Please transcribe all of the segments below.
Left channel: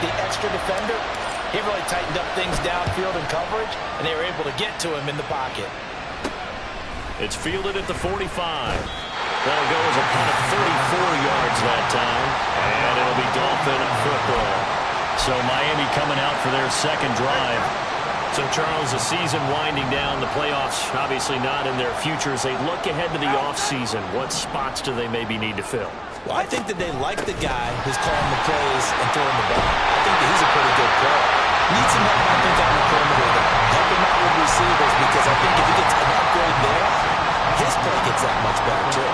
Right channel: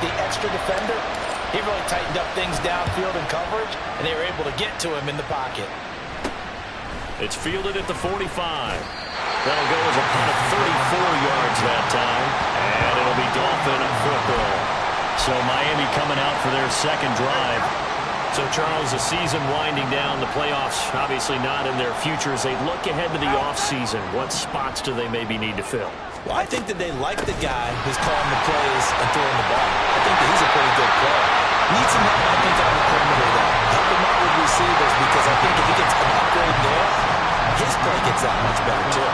the extra defender, he really tightened up things downfield in coverage, and they were able to get to him in the pocket. It's fielded at the 45. That'll go as a punt of 34 yards that time, and it'll be Dolphin football. So Miami coming out for their second drive. So, Charles, the season winding down, the playoffs obviously not in their future. As they look ahead to the offseason, what spots do they maybe need to fill? Well, I think that they like the guy who's calling the plays and throwing the ball. I think that he's a pretty good player. Needs some help, I think, on the perimeter, though. Help him out with receivers, because I think if he gets an upgrade there, his play gets that much better, too.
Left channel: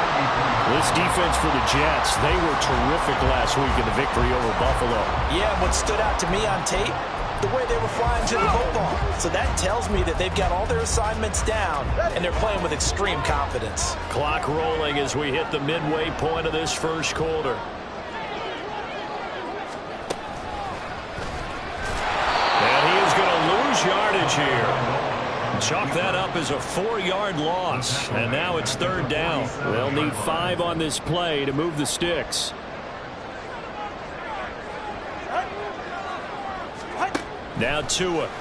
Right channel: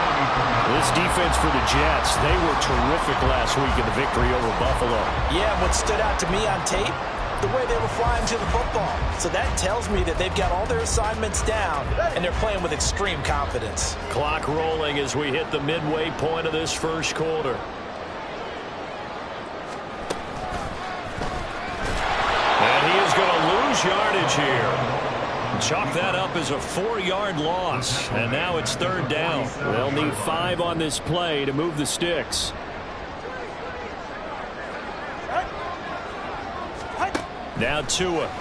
This defense for the Jets, they were terrific last week in the victory over Buffalo. Yeah, what stood out to me on tape, the way they were flying to the football. So that tells me that they've got all their assignments down, and they're playing with extreme confidence. Clock rolling as we hit the midway point of this first quarter. And he is going to lose yardage here. Chalk that up as a 4-yard loss. And now it's third down. They'll need 5 on this play to move the sticks. Now Tua. And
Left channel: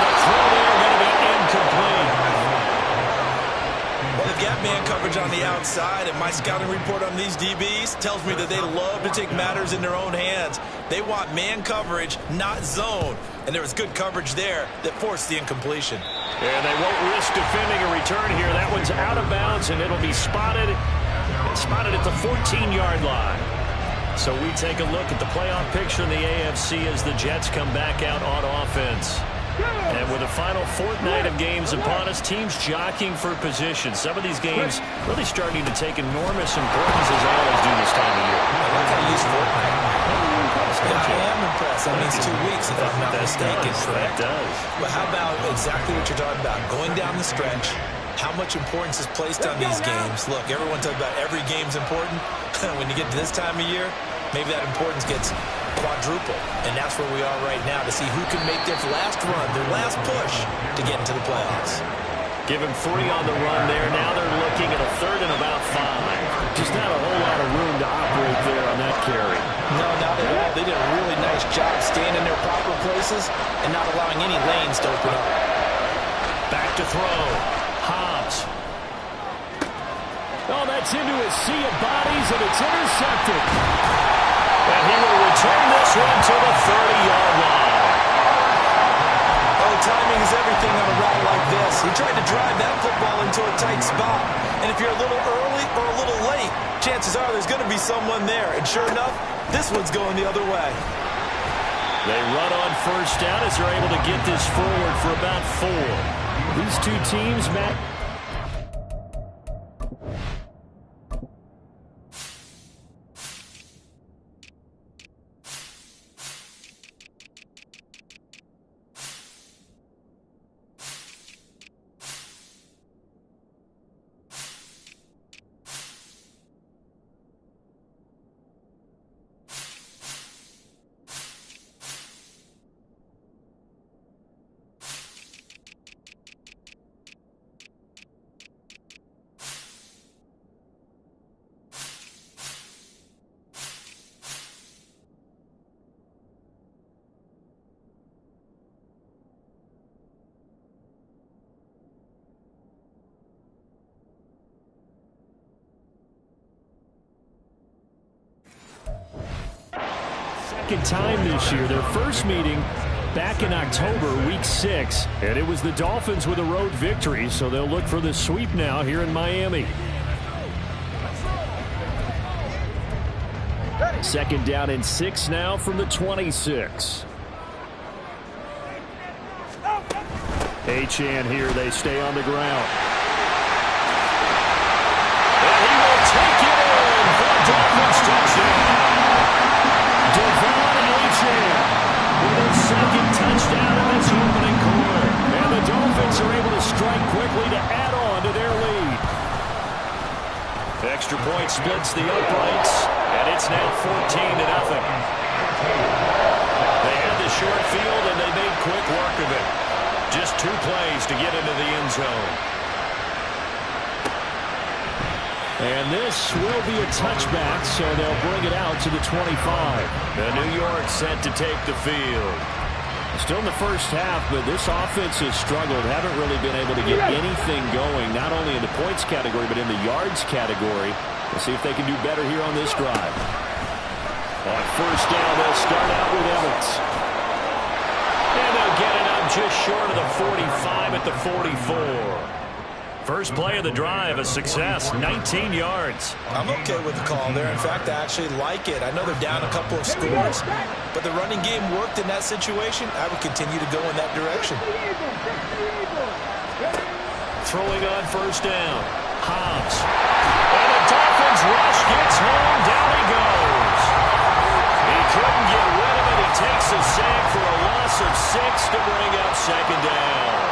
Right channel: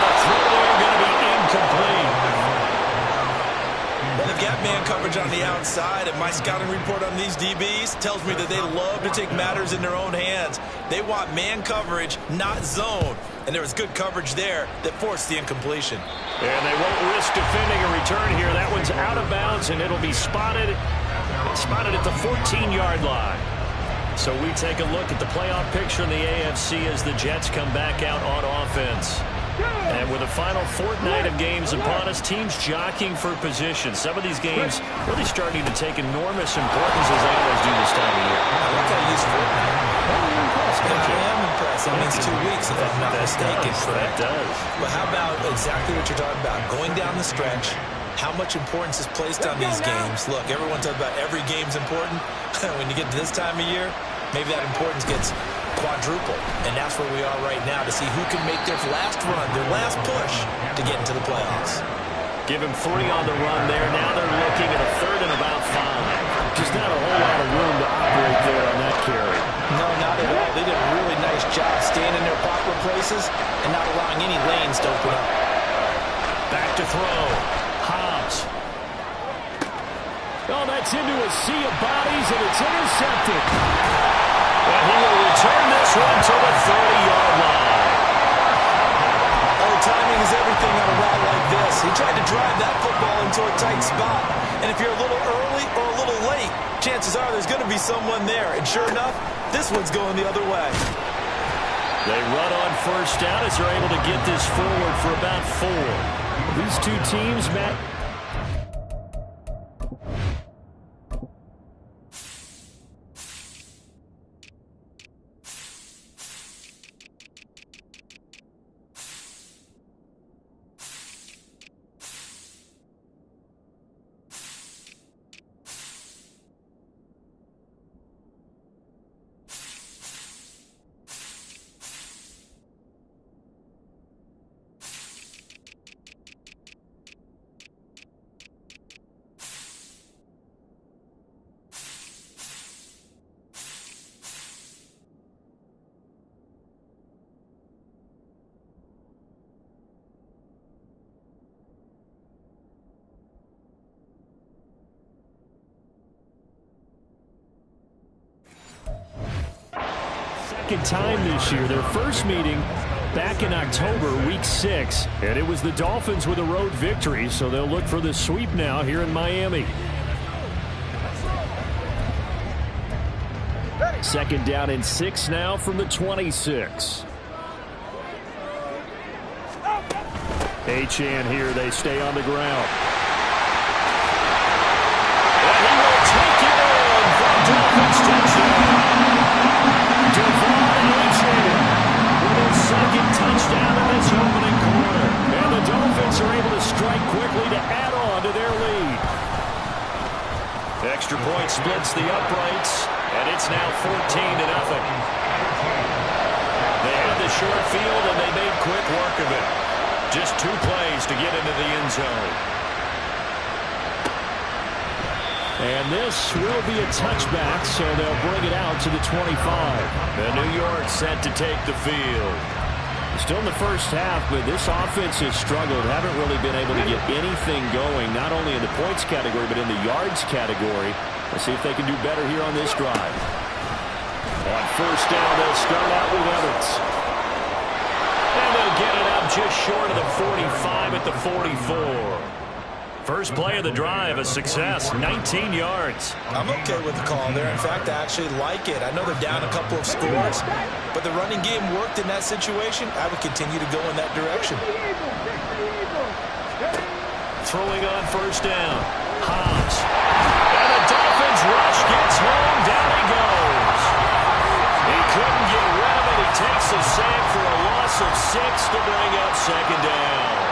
the throw there going to be incomplete. Well, they've got man coverage on the outside, and my scouting report on these DBs tells me that they love to take matters in their own hands. They want man coverage, not zone. And there was good coverage there that forced the incompletion. And they won't risk defending a return here. That one's out of bounds, and it'll be spotted at the 14-yard line. So we take a look at the playoff picture in the AFC as the Jets come back out on offense. And with the final fortnight of games upon us, teams jockeying for position. Some of these games really starting to take enormous importance, as they always do this time of year. I like how you use fortnight. You're impressed, I am impressed. That means 2 weeks, if I'm not mistaken, correct? That does. But how about exactly what you're talking about? Going down the stretch, how much importance is placed on these games. Look, everyone talks about every game's important. When you get to this time of year, maybe that importance gets quadruple. And that's where we are right now, to see who can make their last run, their last push to get into the playoffs. Give him 3 on the run there. Now they're looking at a third and about 5. Just not a whole lot of room to operate there on that carry. No, not at all. They did a really nice job staying in their proper places and not allowing any lanes to open up. Back to throw. Hobbs. Oh, that's into a sea of bodies, and it's intercepted. And he will return this one to the 30-yard line. Oh, timing is everything on a route like this. He tried to drive that football into a tight spot. And if you're a little early or a little late, chances are there's going to be someone there. And sure enough, this one's going the other way. They run on first down as they're able to get this forward for about 4. These two teams, Matt. Second time this year. Their first meeting back in October, week 6, and it was the Dolphins with a road victory, so they'll look for the sweep now here in Miami. Second down and 6 now from the 26. Achane here, they stay on the ground. And he will take it in for a Dolphins touchdown. Devon Achane with his second touchdown in this opening quarter. And the Dolphins are able to strike quickly to add on to their lead. Extra point splits the uprights, and it's now 14-0. They had the short field, and they made quick work of it. Just 2 plays to get into the end zone. And this will be a touchback, so they'll bring it out to the 25. The New York set to take the field. Still in the first half, but this offense has struggled. Haven't really been able to get anything going, not only in the points category, but in the yards category. We'll see if they can do better here on this drive. On first down, they'll start out with Evans. And they'll get it up just short of the 45 at the 44. First play of the drive, a success, 19 yards. I'm okay with the call there. In fact, I actually like it. I know they're down a couple of scores, but the running game worked in that situation. I would continue to go in that direction. Throwing on first down, Hobbs. And the Dolphins rush gets home, down he goes. He couldn't get rid of it. He takes a sack for a loss of 6 to bring up second down.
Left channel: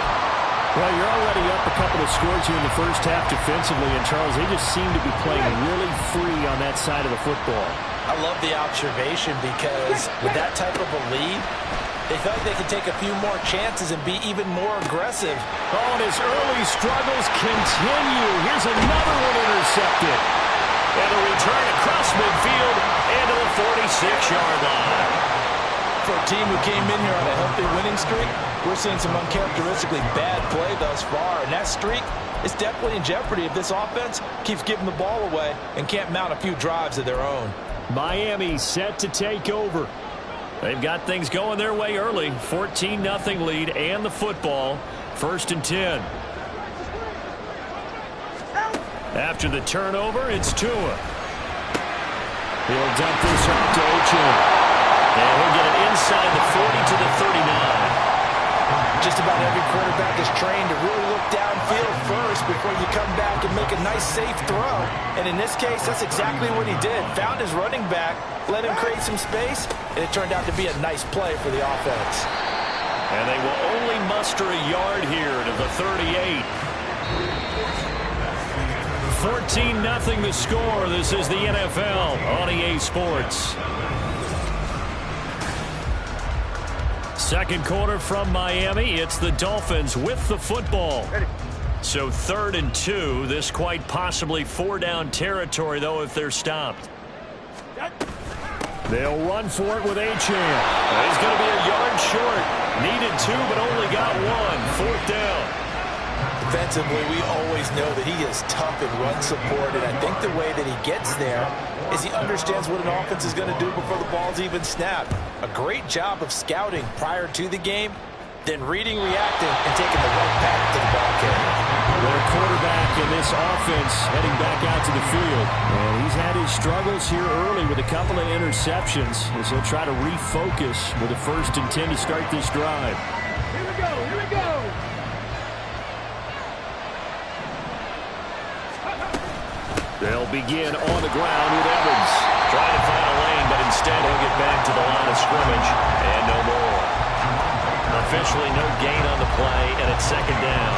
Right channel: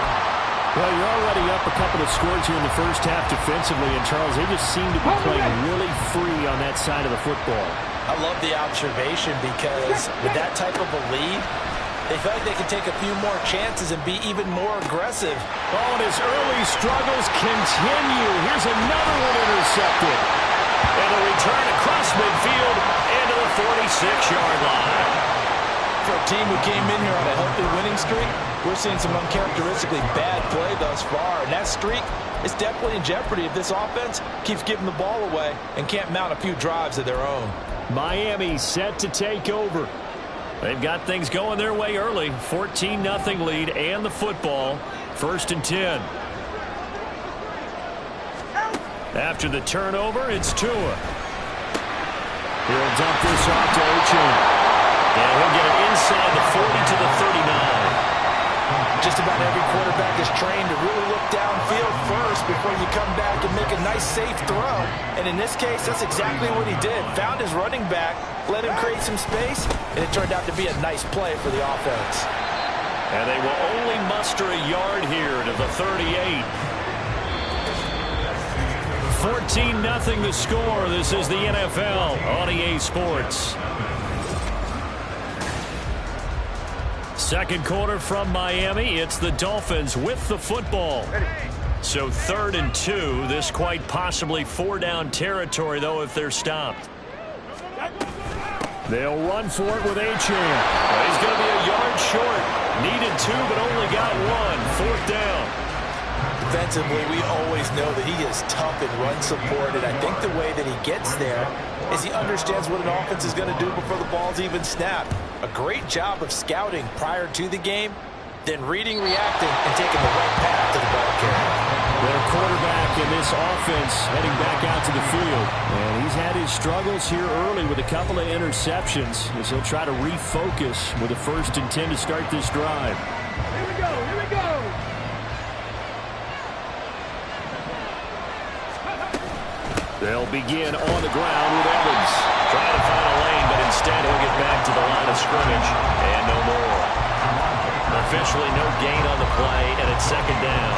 Well, you're already up a couple of scores here in the first half defensively, and Charles, they just seem to be playing really free on that side of the football. I love the observation because with that type of a lead, they feel like they can take a few more chances and be even more aggressive. Oh, and his early struggles continue. Here's another one intercepted. And a return across midfield into the 46-yard line. For a team who came in here on a healthy winning streak, we're seeing some uncharacteristically bad play thus far, and that streak is definitely in jeopardy if this offense keeps giving the ball away and can't mount a few drives of their own. Miami set to take over. They've got things going their way early. 14-0 lead and the football. 1st and 10. After the turnover, it's Tua. He'll dump this off to Achane. And he'll get it inside the 40 to the 39. Just about every quarterback is trained to really look downfield first before you come back and make a nice, safe throw. And in this case, that's exactly what he did. Found his running back, let him create some space, and it turned out to be a nice play for the offense. And they will only muster a yard here to the 38. 14-0 the score. This is the NFL on EA Sports. Second quarter from Miami. It's the Dolphins with the football. So 3rd and 2. This quite possibly 4-down territory, though, if they're stopped. They'll run for it with Achane. He's going to be a yard short. Needed 2, but only got 1. 4th down. Defensively, we always know that he is tough in run support, and I think the way that he gets there is he understands what an offense is going to do before the ball's even snapped. A great job of scouting prior to the game, then reading, reacting, and taking the right path to the ball carrier. Their quarterback in this offense heading back out to the field. And he's had his struggles here early with a couple of interceptions as he'll try to refocus with a 1st and 10 to start this drive. Here we go, here we go. They'll begin on the ground with Evans. Trying to find a lane, but instead he'll get back to the line of scrimmage and no more. Officially no gain on the play, and it's 2nd down.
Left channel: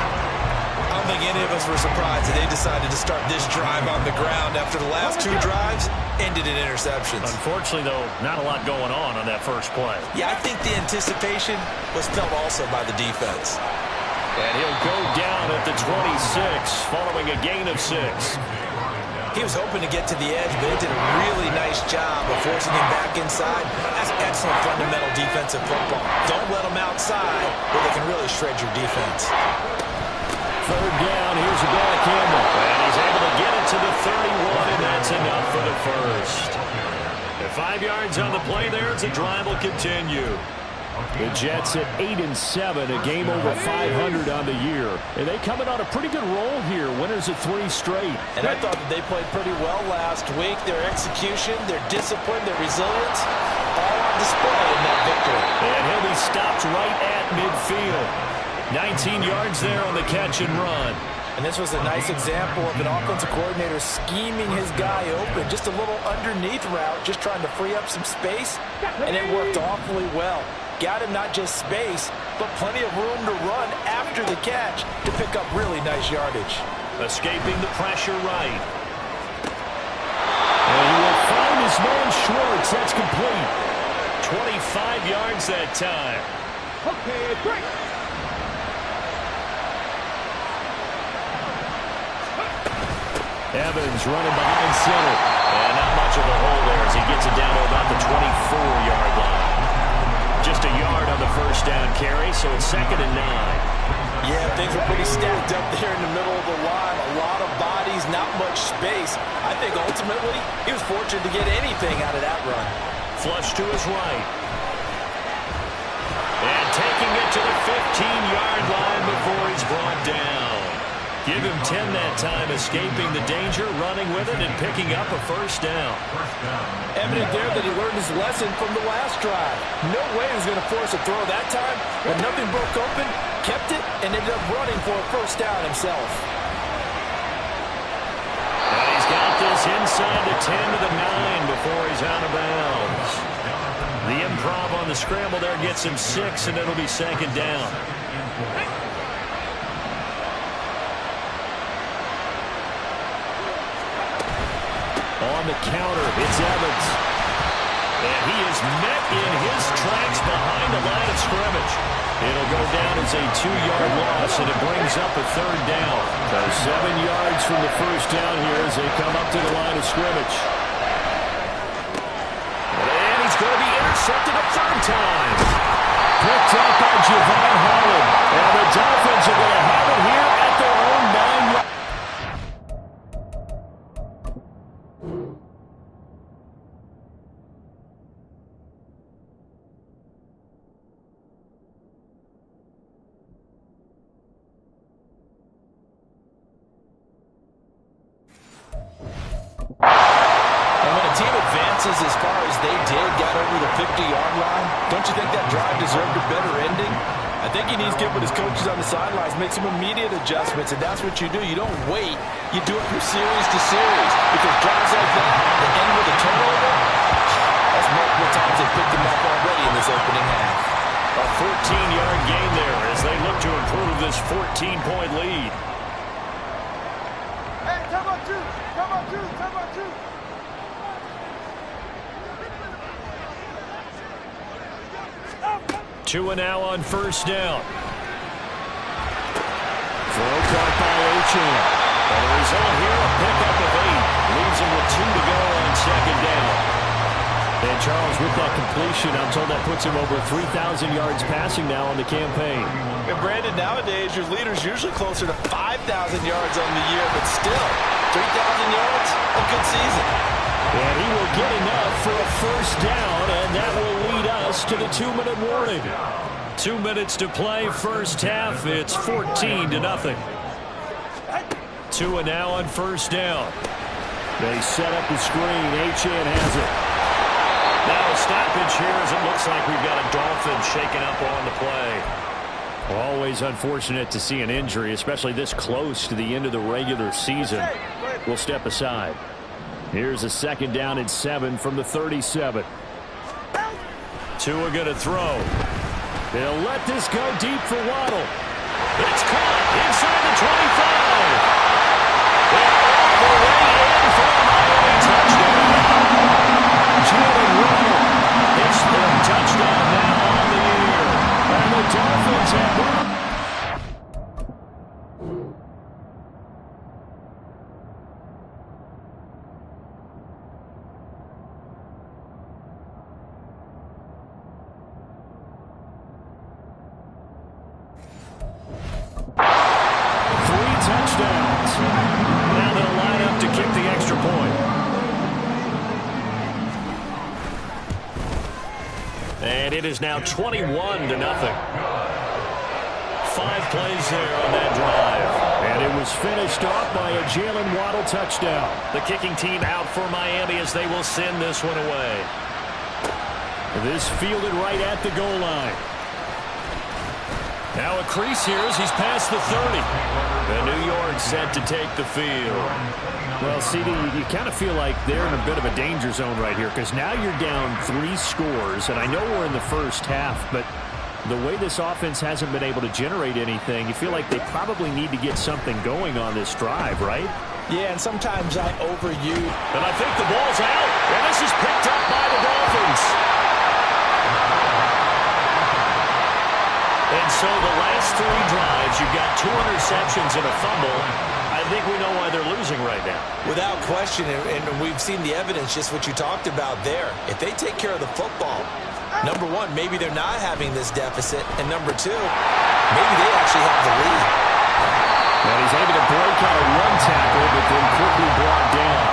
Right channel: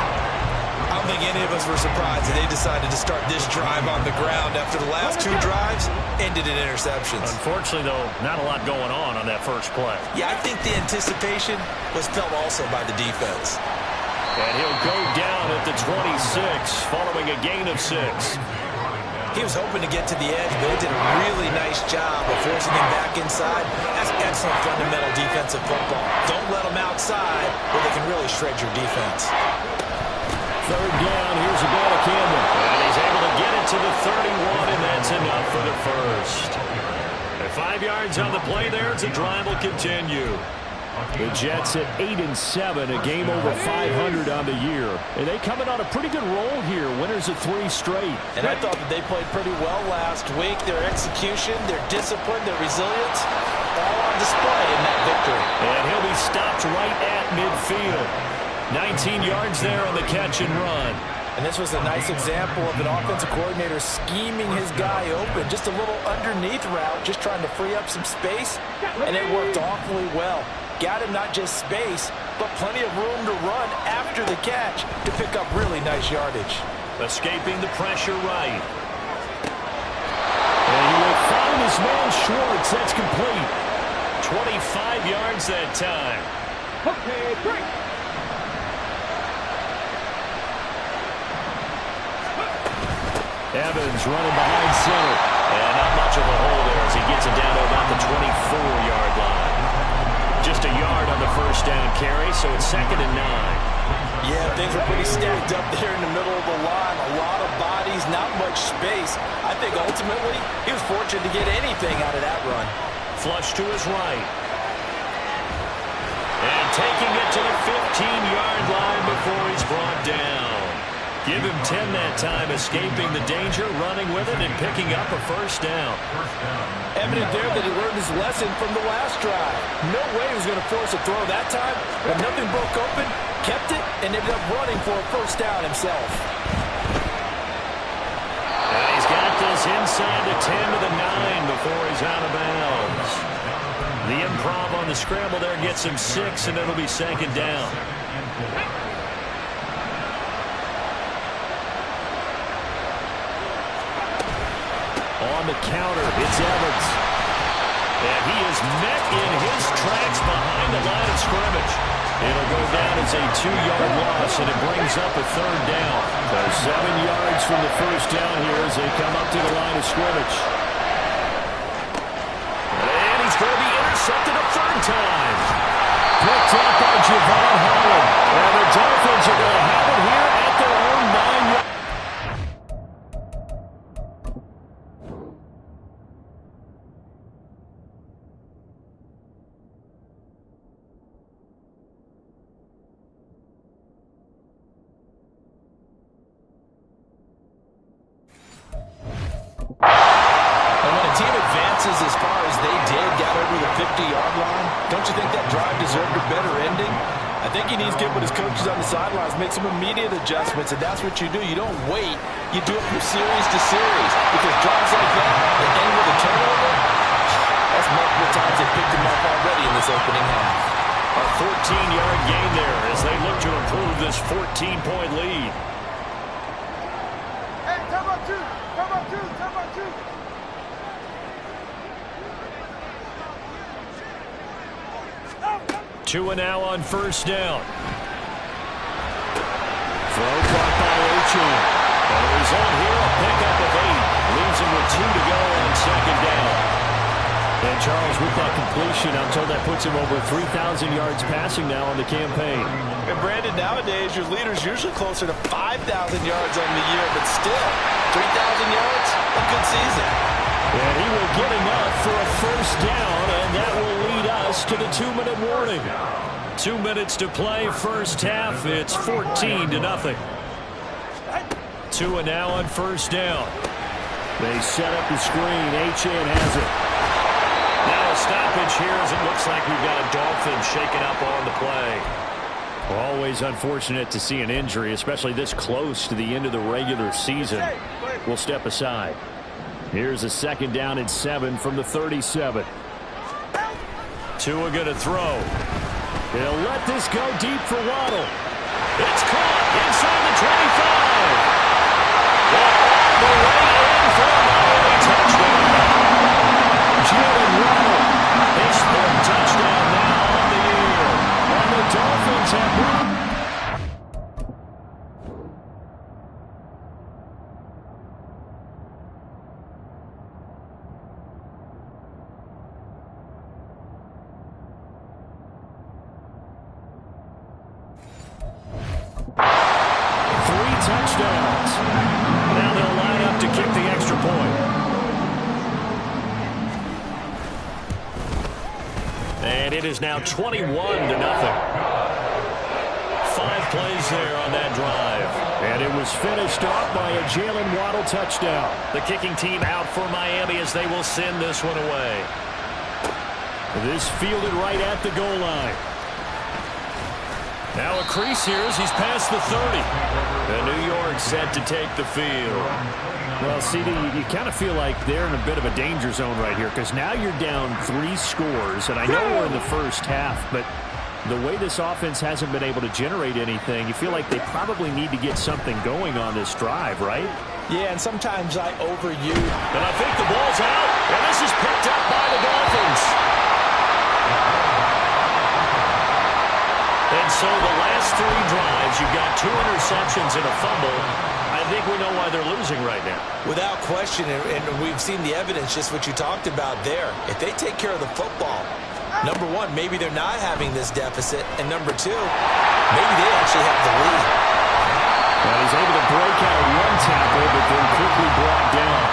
I don't think any of us were surprised that they decided to start this drive on the ground after the last 2 drives ended in interceptions. Unfortunately, though, not a lot going on that first play. Yeah, I think the anticipation was felt also by the defense. And he'll go down at the 26 following a gain of 6. He was hoping to get to the edge, but it did a really nice job of forcing him back inside. That's excellent fundamental defensive football. Don't let them outside where they can really shred your defense. 3rd down, here's Abanikanda. And he's able to get it to the 31, and that's enough for the first. At 5 yards on the play there, the drive will continue. The Jets at 8-7, a game over 500 on the year. And they coming on a pretty good roll here, winners of 3 straight. And I thought that they played pretty well last week. Their execution, their discipline, their resilience, all on display in that victory. And he'll be stopped right at midfield. 19 yards there on the catch and run. And this was a nice example of an offensive coordinator scheming his guy open. Just a little underneath route, just trying to free up some space, and it worked awfully well. Got him not just space, but plenty of room to run after the catch to pick up really nice yardage. Escaping the pressure right. And he will find his man Schwartz. That's complete. 25 yards that time. Okay, break. Evans running behind center. And not much of a hole there as he gets it down to about the 24-yard line. Just a yard on the first down carry, so it's 2nd and 9. Yeah, things were pretty stacked up there in the middle of the line. A lot of bodies, not much space. I think ultimately he was fortunate to get anything out of that run. Flush to his right. And taking it to the 15-yard line before he's brought down. Give him 10 that time, escaping the danger, running with it, and picking up a first down. Evident there that he learned his lesson from the last drive. No way he was going to force a throw that time, but nothing broke open, kept it, and ended up running for a first down himself. And he's got this inside the 10 to the 9 before he's out of bounds. The improv on the scramble there gets him 6, and it'll be 2nd down. On the counter, it's Evans. And he is met in his tracks behind the line of scrimmage. It'll go down as a 2-yard loss, and it brings up a 3rd down. So 7 yards from the first down here as they come up to the line of scrimmage. And he's going to be intercepted a 3rd time. Picked up by Javon Holland. And the Dolphins are going to have it here at their own 9-yard. Team advances as far as they did, got over the 50-yard line. Don't you think that drive deserved a better ending? I think he needs to get with his coaches on the sidelines, make some immediate adjustments, and that's what you do. You don't wait. You do it from series to series, because drives like that end with a turnover, that's multiple times they picked him up already in this opening half. A 14-yard gain there as they look to improve this 14-point lead. Hey, time out two. Time out two. Time out two. Tua now on first down. Throw caught by Achane. And the result here, a pickup of 8. Leaves him with 2 to go on 2nd down. And Charles, with that completion, I'm told that puts him over 3,000 yards passing now on the campaign. And Brandon, nowadays your leader's usually closer to 5,000 yards on the year, but still, 3,000 yards, a good season. And he will get enough for a first down, and that will lead us to the 2-minute warning. 2 minutes to play, first half. It's 14-0. Tua now on first down. They set up the screen. Achane has it. Now a stoppage here as it looks like we've got a Dolphin shaken up on the play. Always unfortunate to see an injury, especially this close to the end of the regular season. We'll step aside. Here's a 2nd down and 7 from the 37. Tua going to throw. He'll let this go deep for Waddle. It's caught inside the 25. And all the way in for a Miami touchdown. Jalen Waddle, his 3rd touchdown now on the year. And the Dolphins have moved. Touchdowns. Now they'll line up to kick the extra point. And it is now 21-0. 5 plays there on that drive. And it was finished off by a Jalen Waddle touchdown. The kicking team out for Miami as they will send this one away. This fielded right at the goal line. Now a crease here as he's past the 30. And New York set to take the field. Well, CD, you kind of feel like they're in a bit of a danger zone right here because now you're down 3 scores. And I know we're in the first half, but the way this offense hasn't been able to generate anything, you feel like they probably need to get something going on this drive, right? Yeah, and sometimes I overuse. And I think the ball's out. And this is picked up by the Dolphins. And so the last 3 drives, you've got 2 interceptions and a fumble. I think we know why they're losing right now. Without question, and we've seen the evidence, just what you talked about there. If they take care of the football, number one, maybe they're not having this deficit, and number two, maybe they actually have the lead. And he's able to break out of one tackle, but then quickly brought down.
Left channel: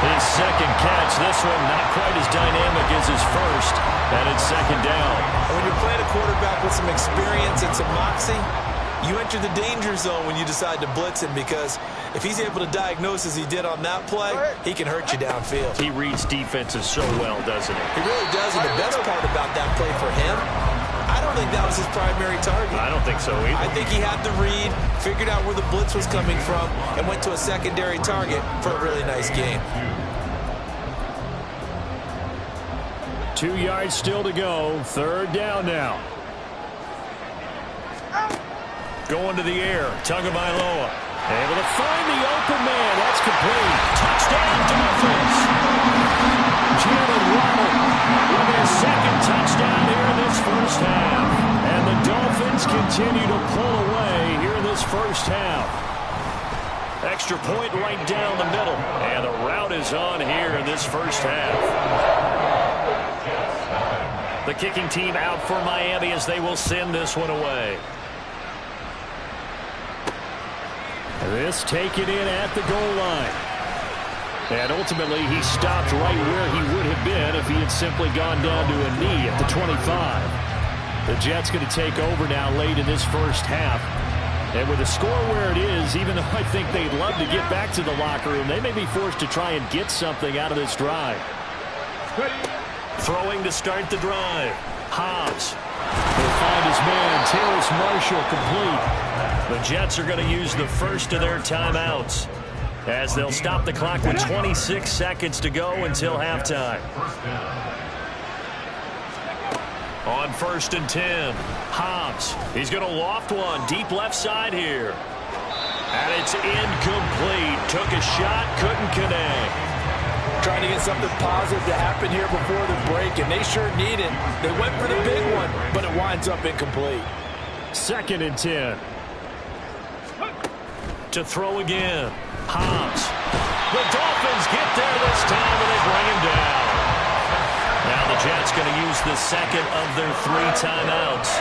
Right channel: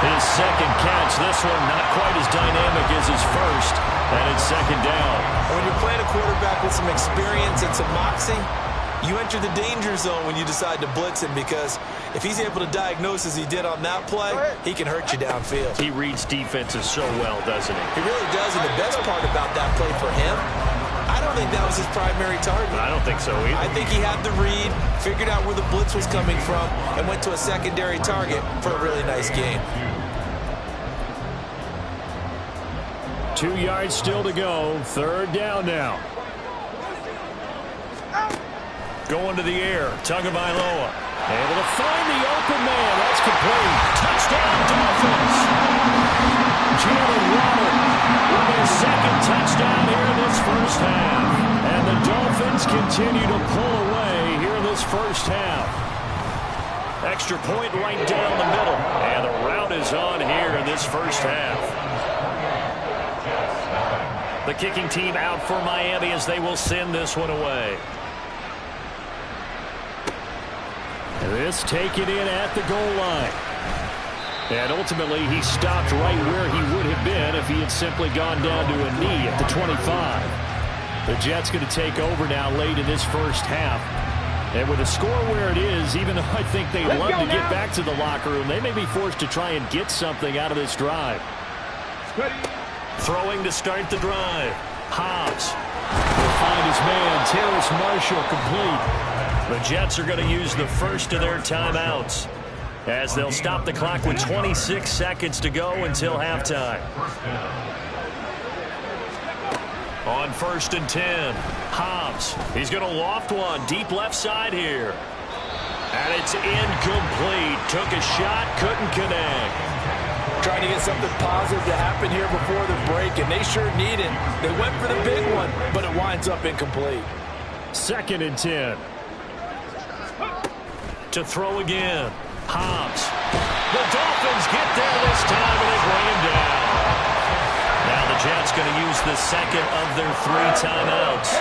His second catch, this one not quite as dynamic as his first, and it's second down. And when you're playing a quarterback with some experience and some moxie, you enter the danger zone when you decide to blitz him, because if he's able to diagnose as he did on that play, he can hurt you downfield. He reads defenses so well, doesn't he? He really does, and the best part about that play for him, I don't think that was his primary target. I don't think so either. I think he had the read, figured out where the blitz was coming from, and went to a secondary target for a really nice game. 2 yards still to go. Third down now. Going to the air. Tagovailoa. Able to find the open man. That's complete. Touchdown, Dolphins. Jalen Waddle with their second touchdown here in this first half. And the Dolphins continue to pull away here in this first half. Extra point right down the middle. And the route is on here in this first half. The kicking team out for Miami as they will send this one away. This taken in at the goal line. And ultimately, he stopped right where he would have been if he had simply gone down to a knee at the 25. The Jets going to take over now late in this first half. And with the score where it is, even though I think they'd love to get back to the locker room, they may be forced to try and get something out of this drive. Throwing to start the drive. Hobbs will find his man, Terrace Marshall, complete. The Jets are going to use the first of their timeouts as they'll stop the clock with 26 seconds to go until halftime. On 1st and 10, Hobbs. He's going to loft one deep left side here. And it's incomplete. Took a shot, couldn't connect. Trying to get something positive to happen here before the break, and they sure need it. They went for the big one, but it winds up incomplete. 2nd and 10. To throw again. Hobbs. The Dolphins get there this time, and they bring him down. Now the Jets going to use the second of their 3 timeouts.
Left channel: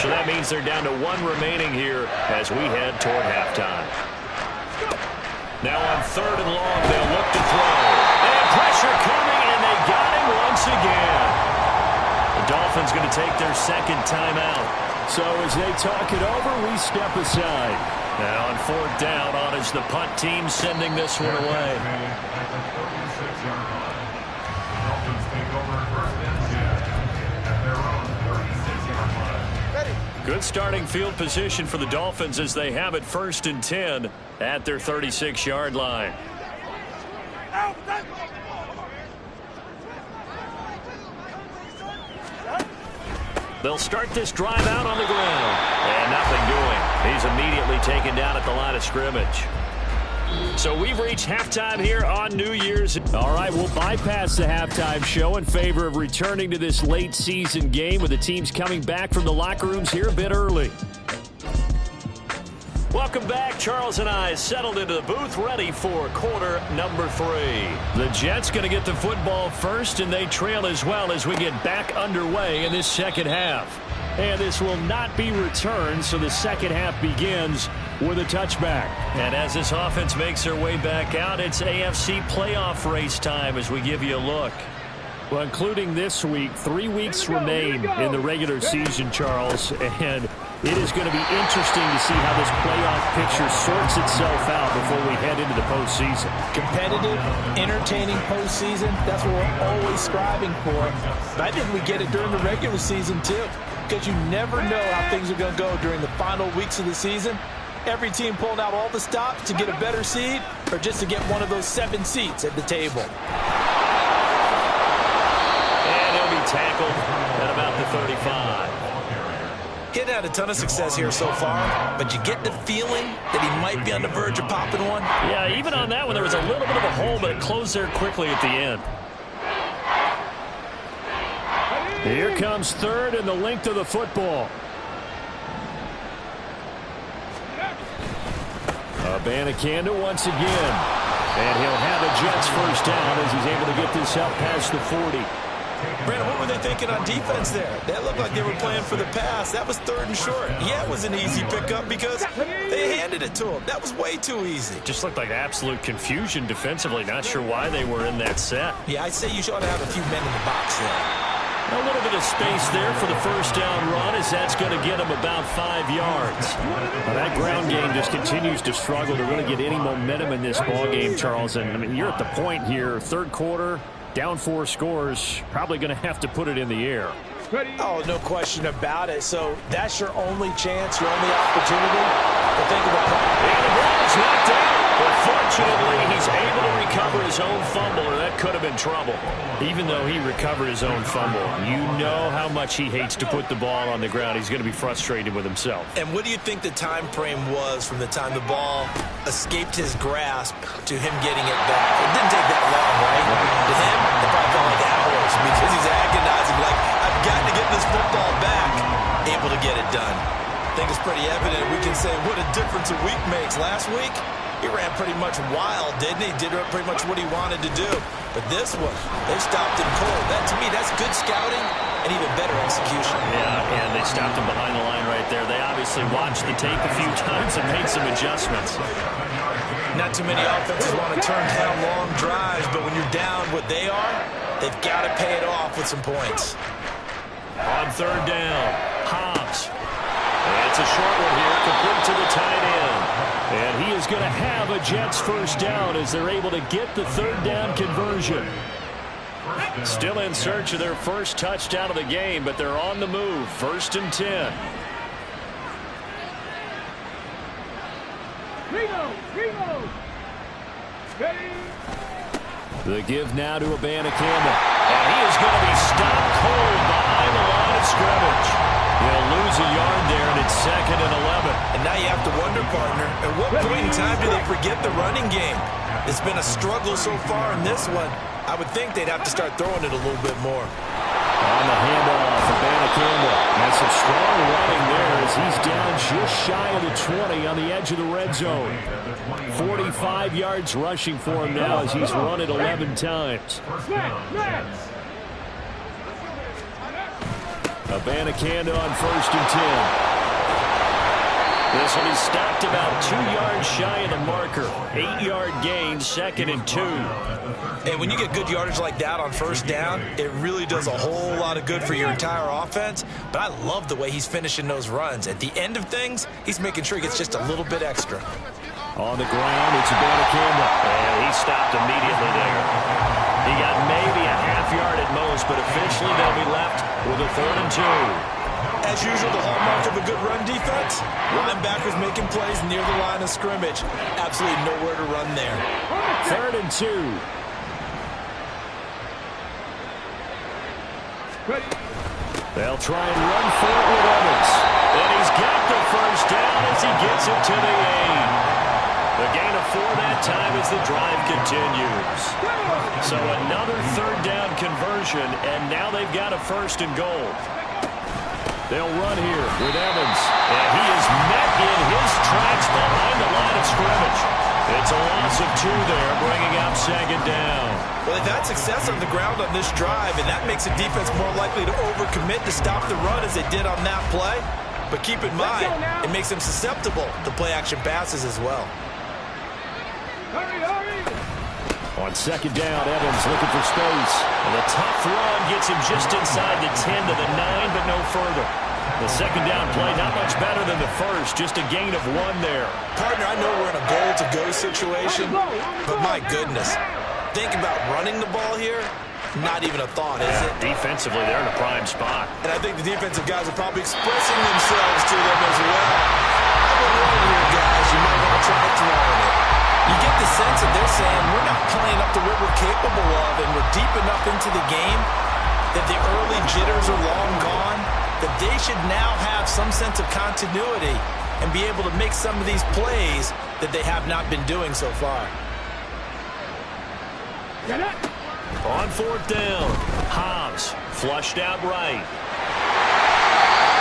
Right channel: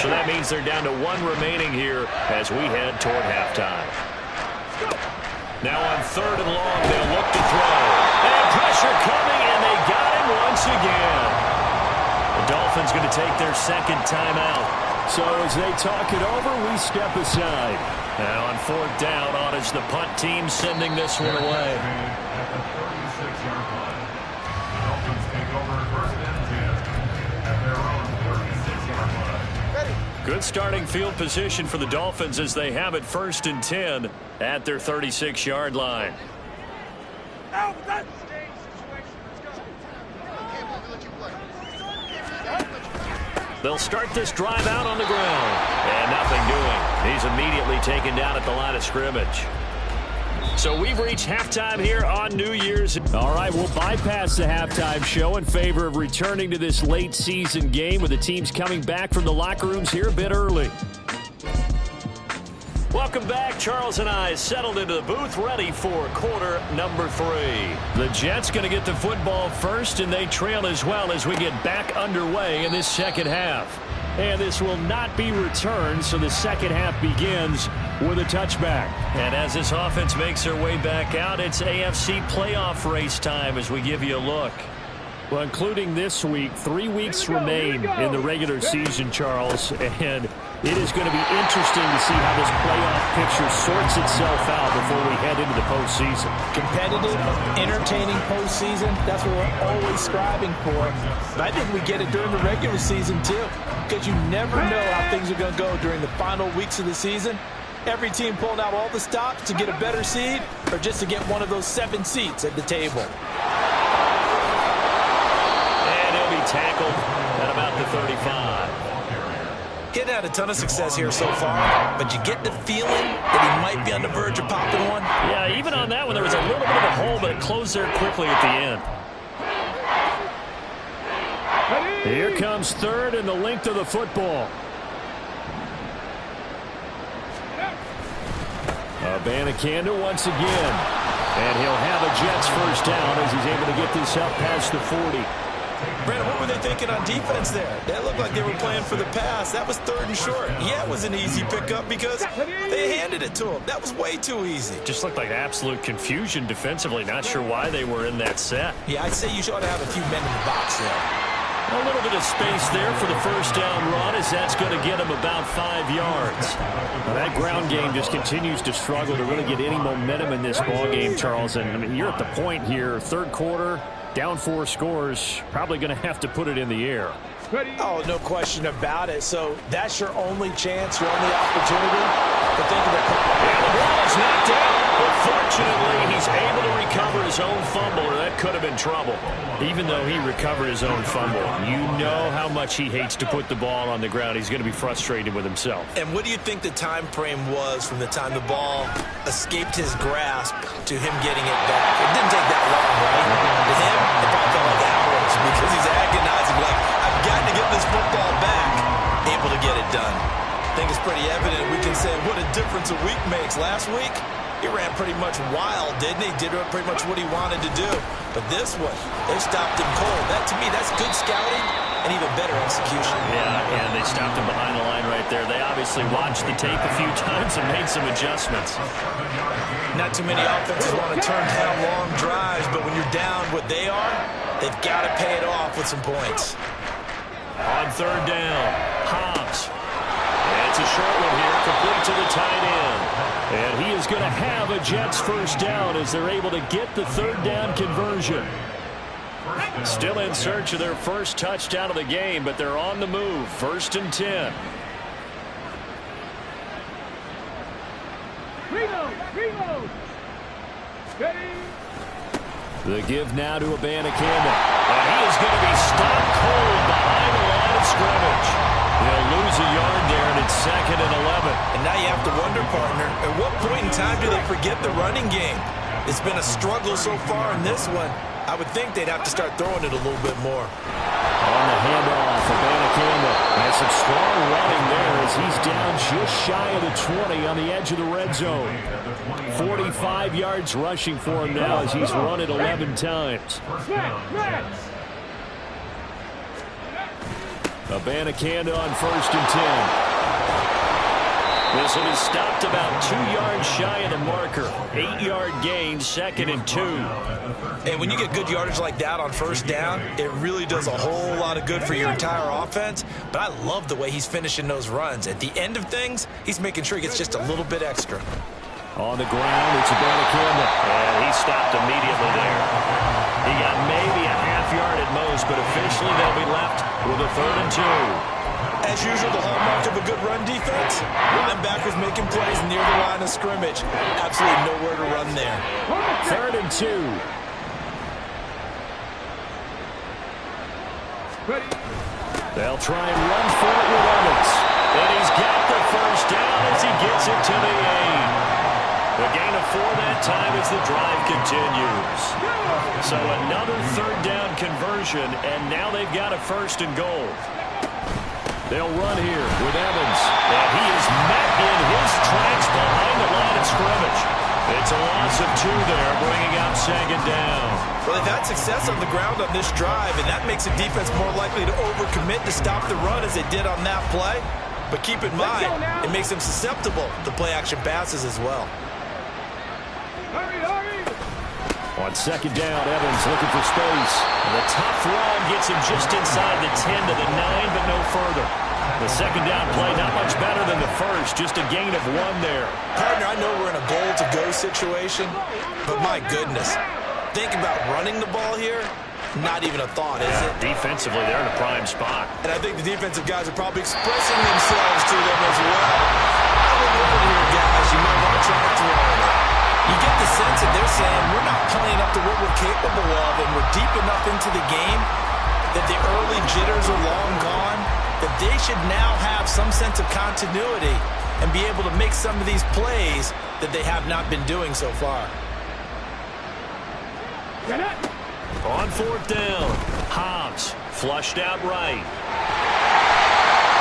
So that means they're down to 1 remaining here as we head toward halftime. Now on 3rd and long, they'll look to throw. And pressure coming, and they got him once again. The Dolphins going to take their 2nd timeout. So as they talk it over, we step aside. And on 4th down, on is the punt team sending this one away. At the 36-yard line. Dolphins take over 1st and 10 at their own 36-yard line. Ready. Good starting field position for the Dolphins as they have it 1st and 10 at their 36-yard line. They'll start this drive out on the ground. And nothing doing. He's immediately taken down at the line of scrimmage. So we've reached halftime here on New Year's. All right, we'll bypass the halftime show in favor of returning to this late season game with the teams coming back from the locker rooms here a bit early. Welcome back. Charles and I settled into the booth, ready for quarter number 3. The Jets going to get the football first, and they trail as well as we get back underway in this second half. And this will not be returned, so the second half begins with a touchback. And as this offense makes their way back out, it's AFC playoff race time as we give you a look. Well, including this week, 3 weeks remain in the regular season, Charles, and it is going to be interesting to see how this playoff picture sorts itself out before we head into the postseason. Competitive, entertaining postseason, that's what we're always striving for. But I think we get it during the regular season, too, because you never know how things are going to go during the final weeks of the season. Every team pulling out all the stops to get a better seed or just to get one of those 7 seats at the table. And he'll be tackled at about the 35. He hadn't had a ton of success here so far, but you get the feeling that he might be on the verge of popping one. Yeah, even on that one, there was a little bit of a hole, but it closed there quickly at the end. Here comes 3rd and the length of the football. Abanikanda once again. And he'll have a Jets first down as he's able to get this out past the 40. Brandon, what were they thinking on defense there? That looked like they were playing for the pass. That was 3rd and short. Yeah, it was an easy pickup because they handed it to him. That was way too easy. Just looked like absolute confusion defensively. Not sure why they were in that set. Yeah, I'd say you ought to have a few men in the box there. A little bit of space there for the first down run as that's going to get him about 5 yards. Now that ground game just continues to struggle to really get any momentum in this ball game, Charles. And I mean, you're at the point here, 3rd quarter, down 4 scores, probably going to have to put it in the air. Oh, no question about it. So that's your only chance, your only opportunity. But think of the... And the ball is knocked out. But fortunately, he's able to recover his own fumble, or that could have been trouble. Even though he recovered his own fumble, you know how much he hates to put the ball on the ground. He's going to be frustrated with himself. And what do you think the time frame was from the time the ball escaped his grasp to him getting it back? It didn't take that long, right? To him, it probably felt like hours because he's agonizing, like, I've got to get this football back. Able to get it done. I think it's pretty evident. We can say what a difference a week makes. Last week, he ran pretty much wild, didn't he? Did pretty much what he wanted to do. But this one, they stopped him cold. That, to me, that's good scouting and even better execution. Yeah, and they stopped him behind the line right there. They obviously watched the tape a few times and made some adjustments. Not too many offenses want to turn down long drives, but when you're down what they are, they've got to pay it off with some points. On 3rd down, Hobbs. It's a short one here, complete to the tight end. And he is going to have a Jets first down as they're able to get the 3rd down conversion. Still in search of their first touchdown of the game, but they're on the move. 1st and 10. Reload. Ready. The give now to Abanikanda. And he is going to be stopped cold behind the line of scrimmage. He'll lose a yard there, and it's 2nd and 11. And now you have to wonder, partner, at what point in time do they forget the running game? It's been a struggle so far in this one. I would think they'd have to start throwing it a little bit more. On the handoff, Abanikanda has some strong running there as he's down just shy of the 20 on the edge of the red zone. 45 yards rushing for him now as he's run it 11 times. Abanikanda on 1st and 10. This will be stopped about 2 yards shy of the marker. 8-yard gain, 2nd and 2. And when you get good yardage like that on 1st down, it really does a whole lot of good for your entire offense. But I love the way he's finishing those runs. At the end of things, he's making sure he gets just a little bit extra. On the ground, it's Abanikanda. And he stopped immediately there. He got maybe a half yard at most, but officially they'll be left with a 3rd and 2. As usual, the hallmark of a good run defense, linebackers making plays near the line of scrimmage. Absolutely nowhere to run there. 3rd and 2. They'll try and run for it with Evans. And he's got the first down as he gets it to the 8. The gain of 4 that time as the drive continues. So another 3rd down conversion, and now they've got a 1st and goal. They'll run here with Evans, and he is met in his tracks behind the line of scrimmage. It's a loss of 2 there, bringing out 2nd down. Well, they've had success on the ground on this drive, and that makes a defense more likely to overcommit to stop the run as they did on that play. But keep in mind, it makes them susceptible to play-action passes as well. Hurry. On 2nd down, Evans looking for space. And the tough run gets him just inside the 10 to the 9, but no further. The 2nd down play, not much better than the first, just a gain of 1 there. Partner, I know we're in a goal-to-go situation, but my goodness, think about running the ball here. Not even a thought, is it? Defensively, they're in a prime spot. And I think the defensive guys are probably expressing themselves to them as well. I wouldn't run it here, guys. You might want to try throwing it. You get the sense that they're saying we're not playing up to what we're capable of, and we're deep enough into the game that the early jitters are long gone, that they should now have some sense of continuity and be able to make some of these plays that they have not been doing so far. On 4th down, Hobbs flushed out right.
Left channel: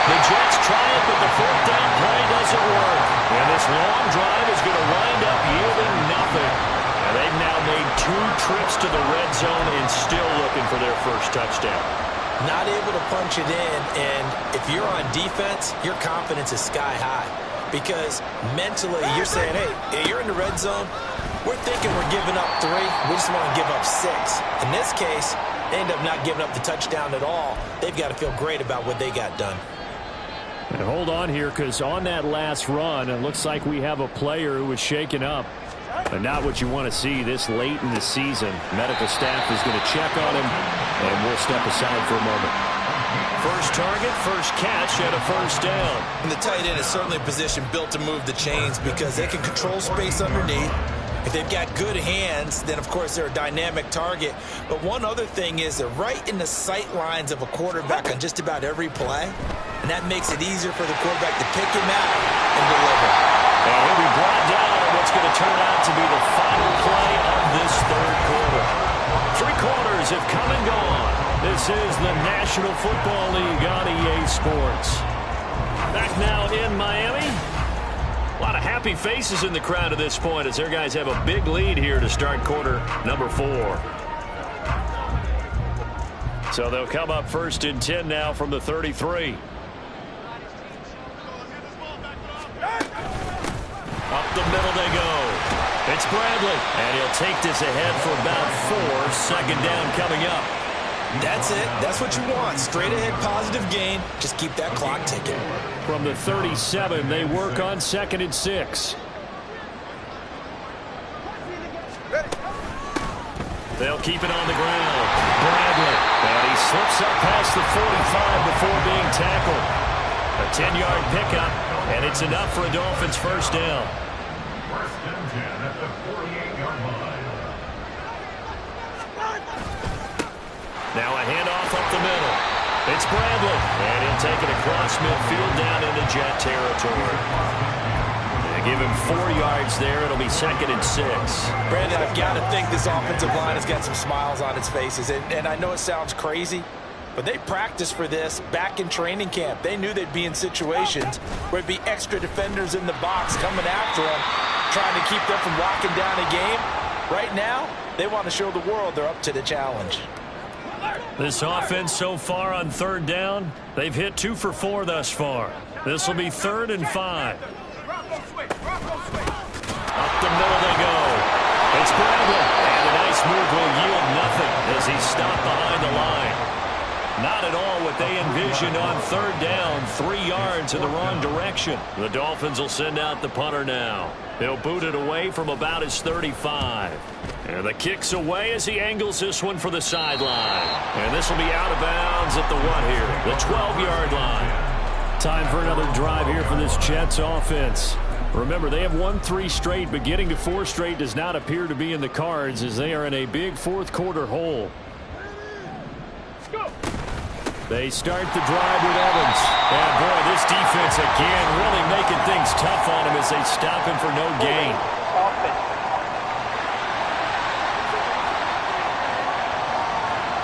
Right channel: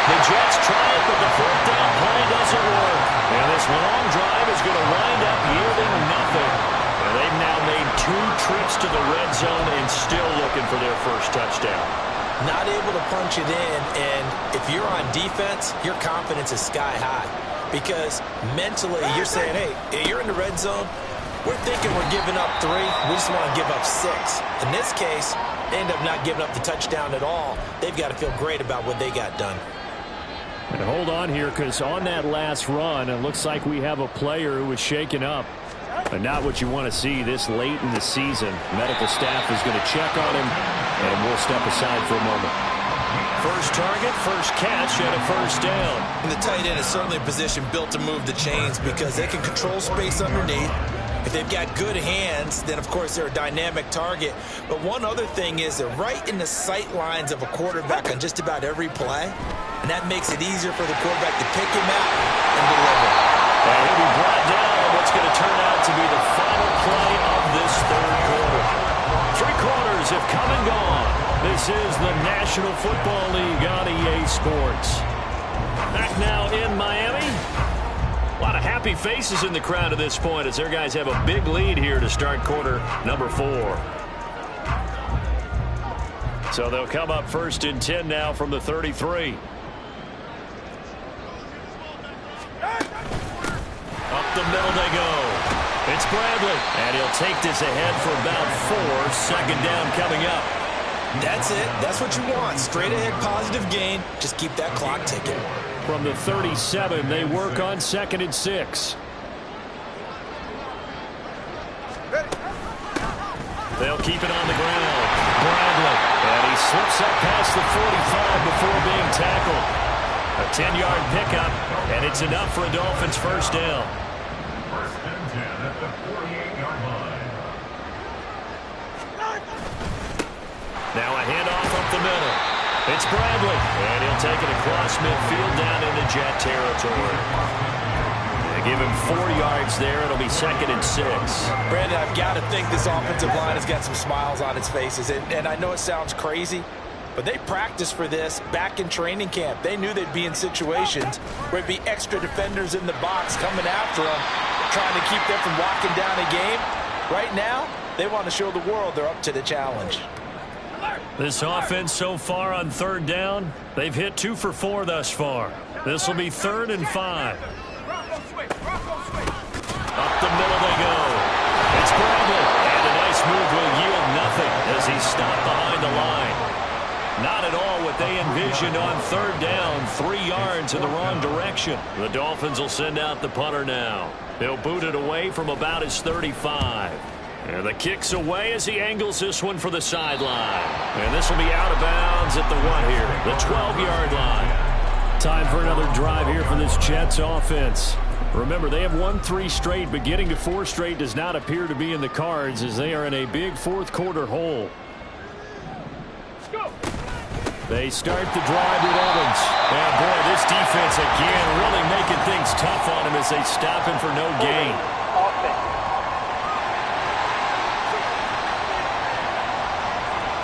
The Jets try it, but the fourth down play doesn't work. And this long drive is going to wind up yielding nothing. And they've now made 2 trips to the red zone and still looking for their first touchdown. Not able to punch it in, and if you're on defense, your confidence is sky high. Because mentally, you're saying, hey, you're in the red zone. We're thinking we're giving up 3. We just want to give up 6. In this case, they end up not giving up the touchdown at all. They've got to feel great about what they got done. And hold on here, because on that last run, it looks like we have a player who was shaken up. But not what you want to see this late in the season. Medical staff is going to check on him, and we'll step aside for a moment. First target, first catch, and a first down. And the tight end is certainly a position built to move the chains because they can control space underneath. If they've got good hands, then, of course, they're a dynamic target. But one other thing is they're right in the sight lines of a quarterback on just about every play. And that makes it easier for the quarterback to pick him out and deliver. And he'll be brought down on what's going to turn out to be the final play of this third quarter. 3 quarters have come and gone. This is the National Football League on EA Sports. Back now in Miami. A lot of happy faces in the crowd at this point as their guys have a big lead here to start quarter number 4. So they'll come up first and 10 now from the 33. Up the middle they go. It's Bradley. And he'll take this ahead for about 4. Second down coming up. That's it. That's what you want. Straight ahead positive gain. Just keep that clock ticking. From the 37, they work on 2nd and 6. They'll keep it on the ground. Bradley. And he slips up past the 45 before being tackled. A 10-yard pickup, and it's enough for a Dolphins first down. First and 10 at the 48-yard line. Now a handoff up the middle. It's Bradley, and he'll take it across midfield down into Jet territory. They give him 4 yards there. It'll be 2nd and 6. Brandon, I've got to think this offensive line has got some smiles on its faces. And I know it sounds crazy, but they practiced for this back in training camp. They knew they'd be in situations where there'd be extra defenders in the box coming after them, trying to keep them from locking down a game. Right now, they want to show the world they're up to the challenge. This offense so far on 3rd down, they've hit 2 for 4 thus far. This will be 3rd and 5. Up the middle they go. It's Bradley, and a nice move will yield nothing as he's stopped behind the line. Not at all what they envisioned on 3rd down, 3 yards in the wrong direction. The Dolphins will send out the punter now. He'll boot it away from about his 35. And the kick's away as he angles this one for the sideline. And this will be out of bounds at the 1 here, the 12-yard line. Time for another drive here for this Jets offense. Remember, they have won 3 straight, but getting to 4 straight does not appear to be in the cards as they are in a big 4th quarter hole. They start the drive with Evans. And boy, this defense again really making things tough on him as they stop him for no gain.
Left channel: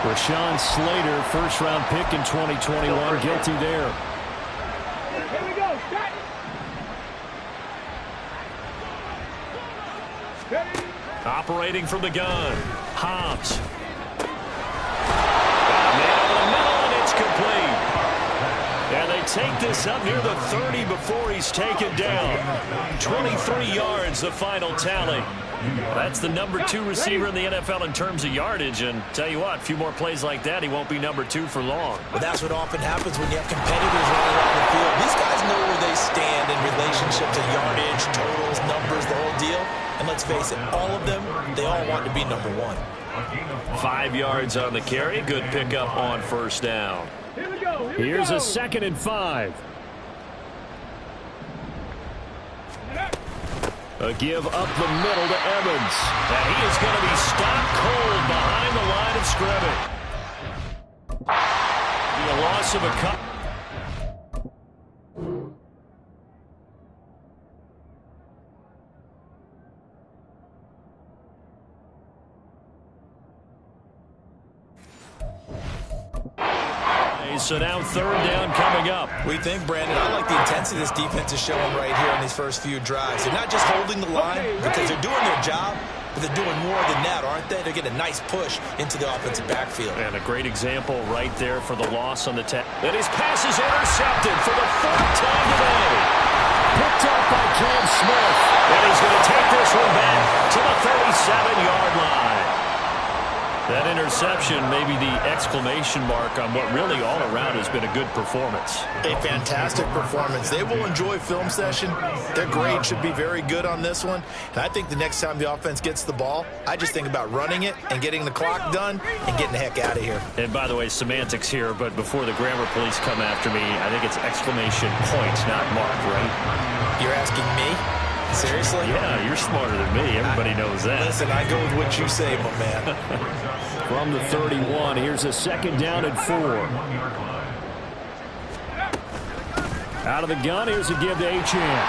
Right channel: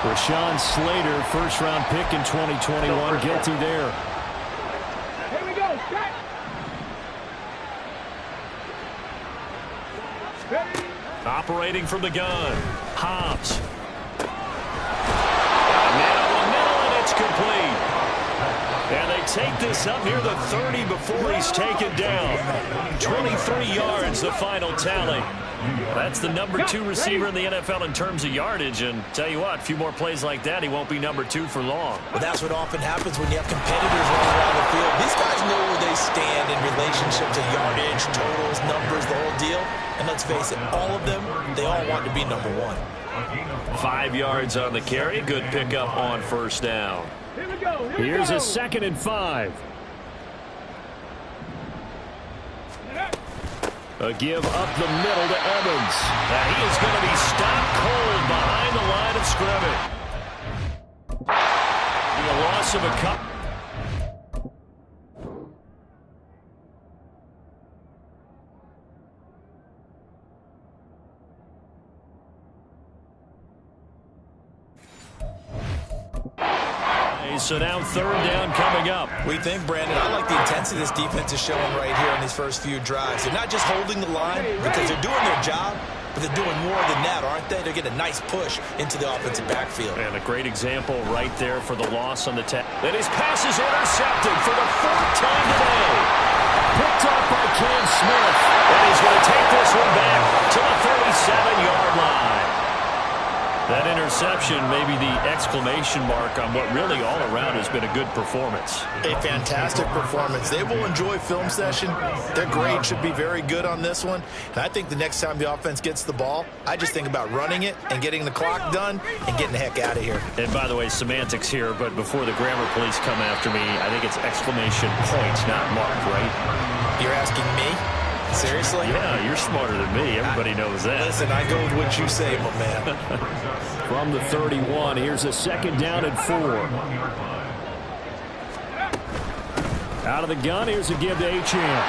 Rashawn Slater, first-round pick in 2021, guilty there. Here we go. Set. Ready. Operating from the gun. Hobbs. Got a man over the middle, and it's complete. And they take this up near the 30 before he's taken down. 23 yards, the final tally. That's the number 2 receiver in the NFL in terms of yardage. And tell you what, a few more plays like that, he won't be number 2 for long. But that's what often happens when you have competitors running around the field. These guys know where they stand in relationship to yardage, totals, numbers, the whole deal. And let's face it, all of them, they all want to be number 1. 5 yards on the carry. Good pickup on first down. Here we go. Here's a 2nd and 5. A give up the middle to Evans. Now he is going to be stopped cold behind the line of scrimmage. Be a loss of a cut. plays, so now third down coming up. We think, Brandon, I like the intensity this defense is showing right here in these first few drives. They're not just holding the line because they're doing their job, but they're doing more than that, aren't they? They're getting a nice push into the offensive backfield. And a great example right there for the loss on the tap. And his pass is intercepted for the fourth time today. Picked off by Cam Smith. And he's going to take this one back to the 37-yard line. That interception may be the exclamation mark on what really all around has been a good performance. A fantastic performance. They will enjoy film session. Their grade should be very good on this one. And I think the next time the offense gets the ball, I just think about running it and getting the clock done and getting the heck out of here. And by the way, semantics here, but before the grammar police come after me, I think it's exclamation point, not mark, right? You're asking me? Seriously? Yeah, you're smarter than me. Everybody knows that. Listen, I go with what you say, my man. From the 31, here's a second down and 4. Out of the gun, here's a give to Achane.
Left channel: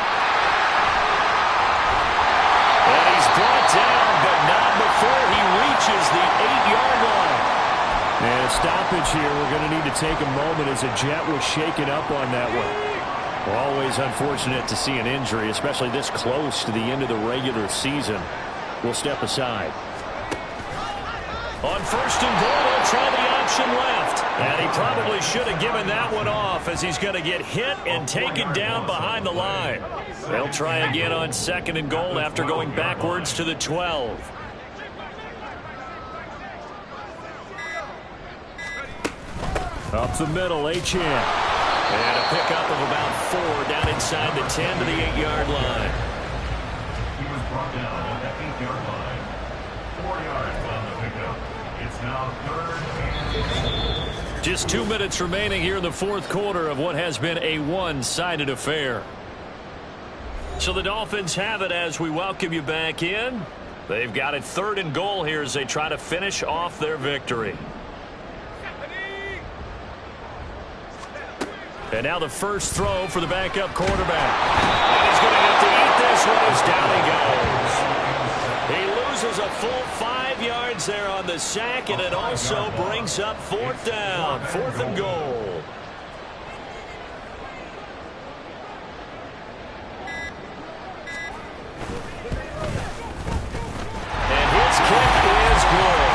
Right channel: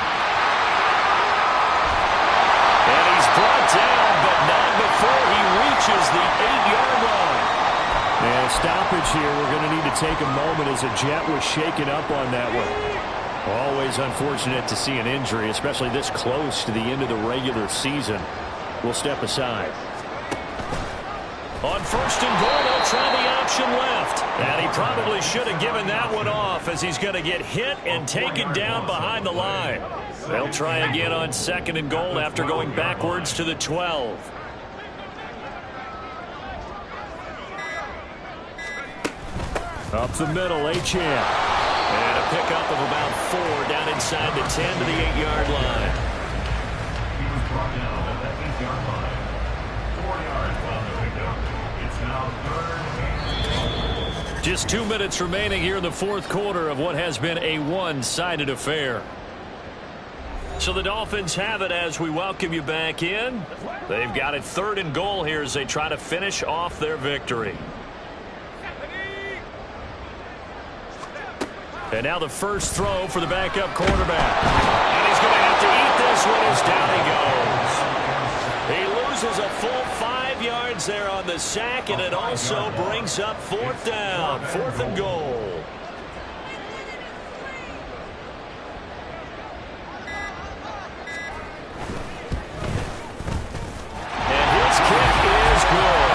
And he's brought down, but not before he reaches the 8-yard line. And a stoppage here. We're going to need to take a moment as a Jet was shaken up on that one. Well, always unfortunate to see an injury, especially this close to the end of the regular season. We'll step aside. On first and goal, they'll try the option left. And he probably should have given that one off as he's going to get hit and taken down behind the line. They'll try again on second and goal after going backwards to the 12. Up the middle, Achane. And a pickup of about 4 down inside the 10 to the 8-yard line. He was brought down at the 8-yard line. 4 yards on the pickup. It's now third and... Just 2 minutes remaining here in the fourth quarter of what has been a one-sided affair. So the Dolphins have it as we welcome you back in. They've got it third and goal here as they try to finish off their victory. And now the first throw for the backup quarterback. And he's going to have to eat this one as down he goes. He loses a full 5 yards there on the sack, and it also brings up fourth down, 4th and goal. And his kick is good.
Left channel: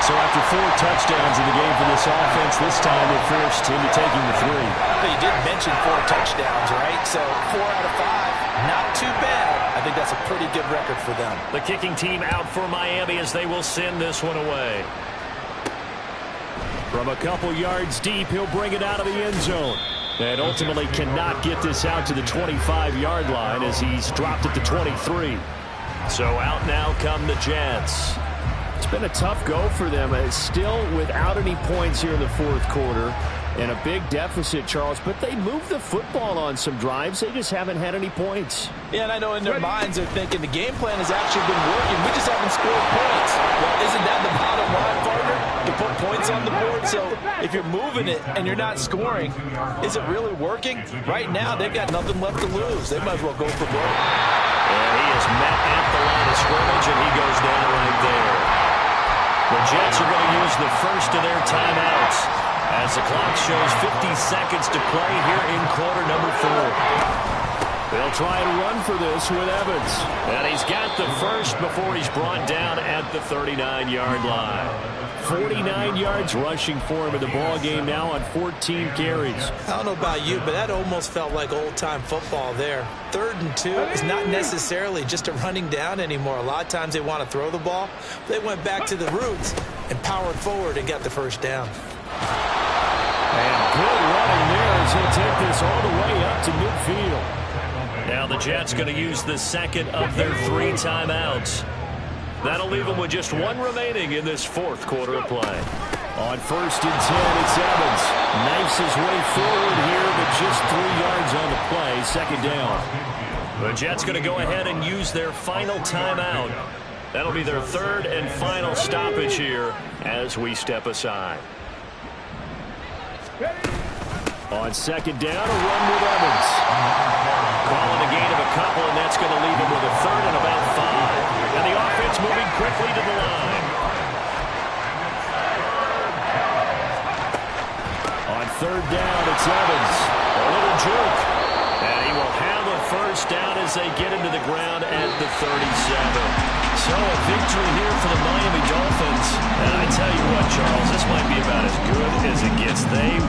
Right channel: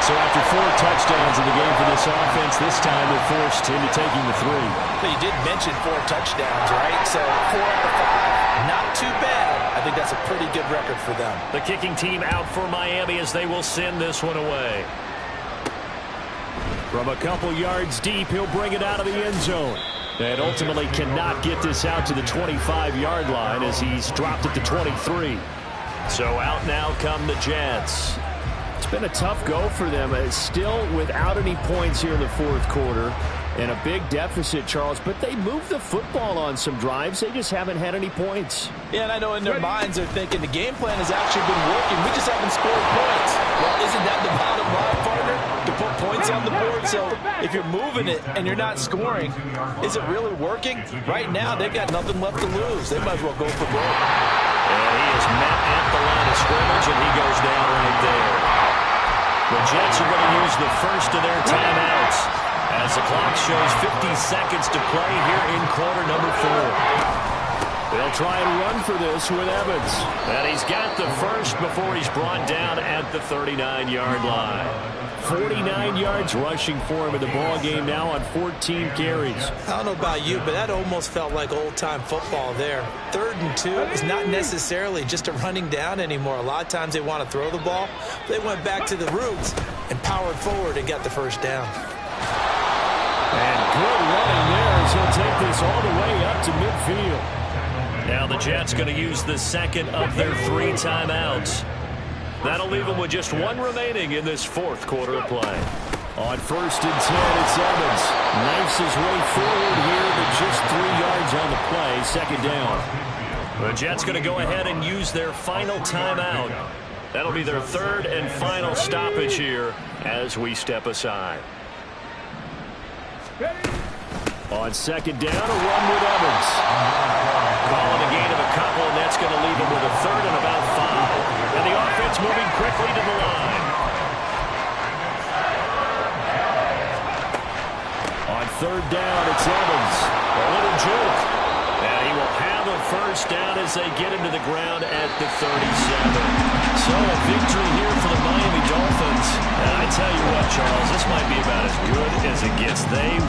So after 4 touchdowns in the game for this offense, this time they're forced into taking the 3. But you did mention 4 touchdowns, right? So 4 out of 5, not too bad. I think that's a pretty good record for them. The kicking team out for Miami as they will send this one away. From a couple yards deep, he'll bring it out of the end zone. And ultimately cannot get this out to the 25-yard line as he's dropped at the 23. So out now come the Jets. It's been a tough go for them. It's still without any points here in the fourth quarter. And a big deficit, Charles. But they moved the football on some drives. They just haven't had any points. Yeah, and I know in their minds they're thinking the game plan has actually been working. We just haven't scored points. Well, isn't that the bottom line, partner? To put points on the board. So if you're moving it and you're not scoring, is it really working? Right now, they've got nothing left to lose. They might as well go for broke. And he is met at the line of scrimmage, and he goes down right there. The Jets are going to use the first of their timeouts as the clock shows 50 seconds to play here in quarter number 4. They'll try and run for this with Evans. And he's got the first before he's brought down at the 39-yard line. 49 yards rushing for him in the ballgame now on 14 carries. I don't know about you, but that almost felt like old-time football there. 3rd and 2 is not necessarily just a running down anymore. A lot of times they want to throw the ball. They went back to the roots and powered forward and got the first down. And good running there as he'll take this all the way up to midfield. Now the Jets going to use the second of their 3 timeouts. That'll leave them with just 1 remaining in this fourth quarter of play. On first and 10, it's Evans. Knifes his way forward here, but just 3 yards on the play. Second down. The Jets going to go ahead and use their final timeout. That'll be their 3rd and final stoppage here as we step aside. On second down, a run with Evans. Calling a gain of a couple, and that's going to leave him with a 3rd and about 5. And the offense moving quickly to the line. On On third down, it's Evans. A little juke. And he will have a first down as they get into the ground at the 37. So a victory here for the Miami Dolphins. And I tell you what, Charles, this might be about as good as it gets. They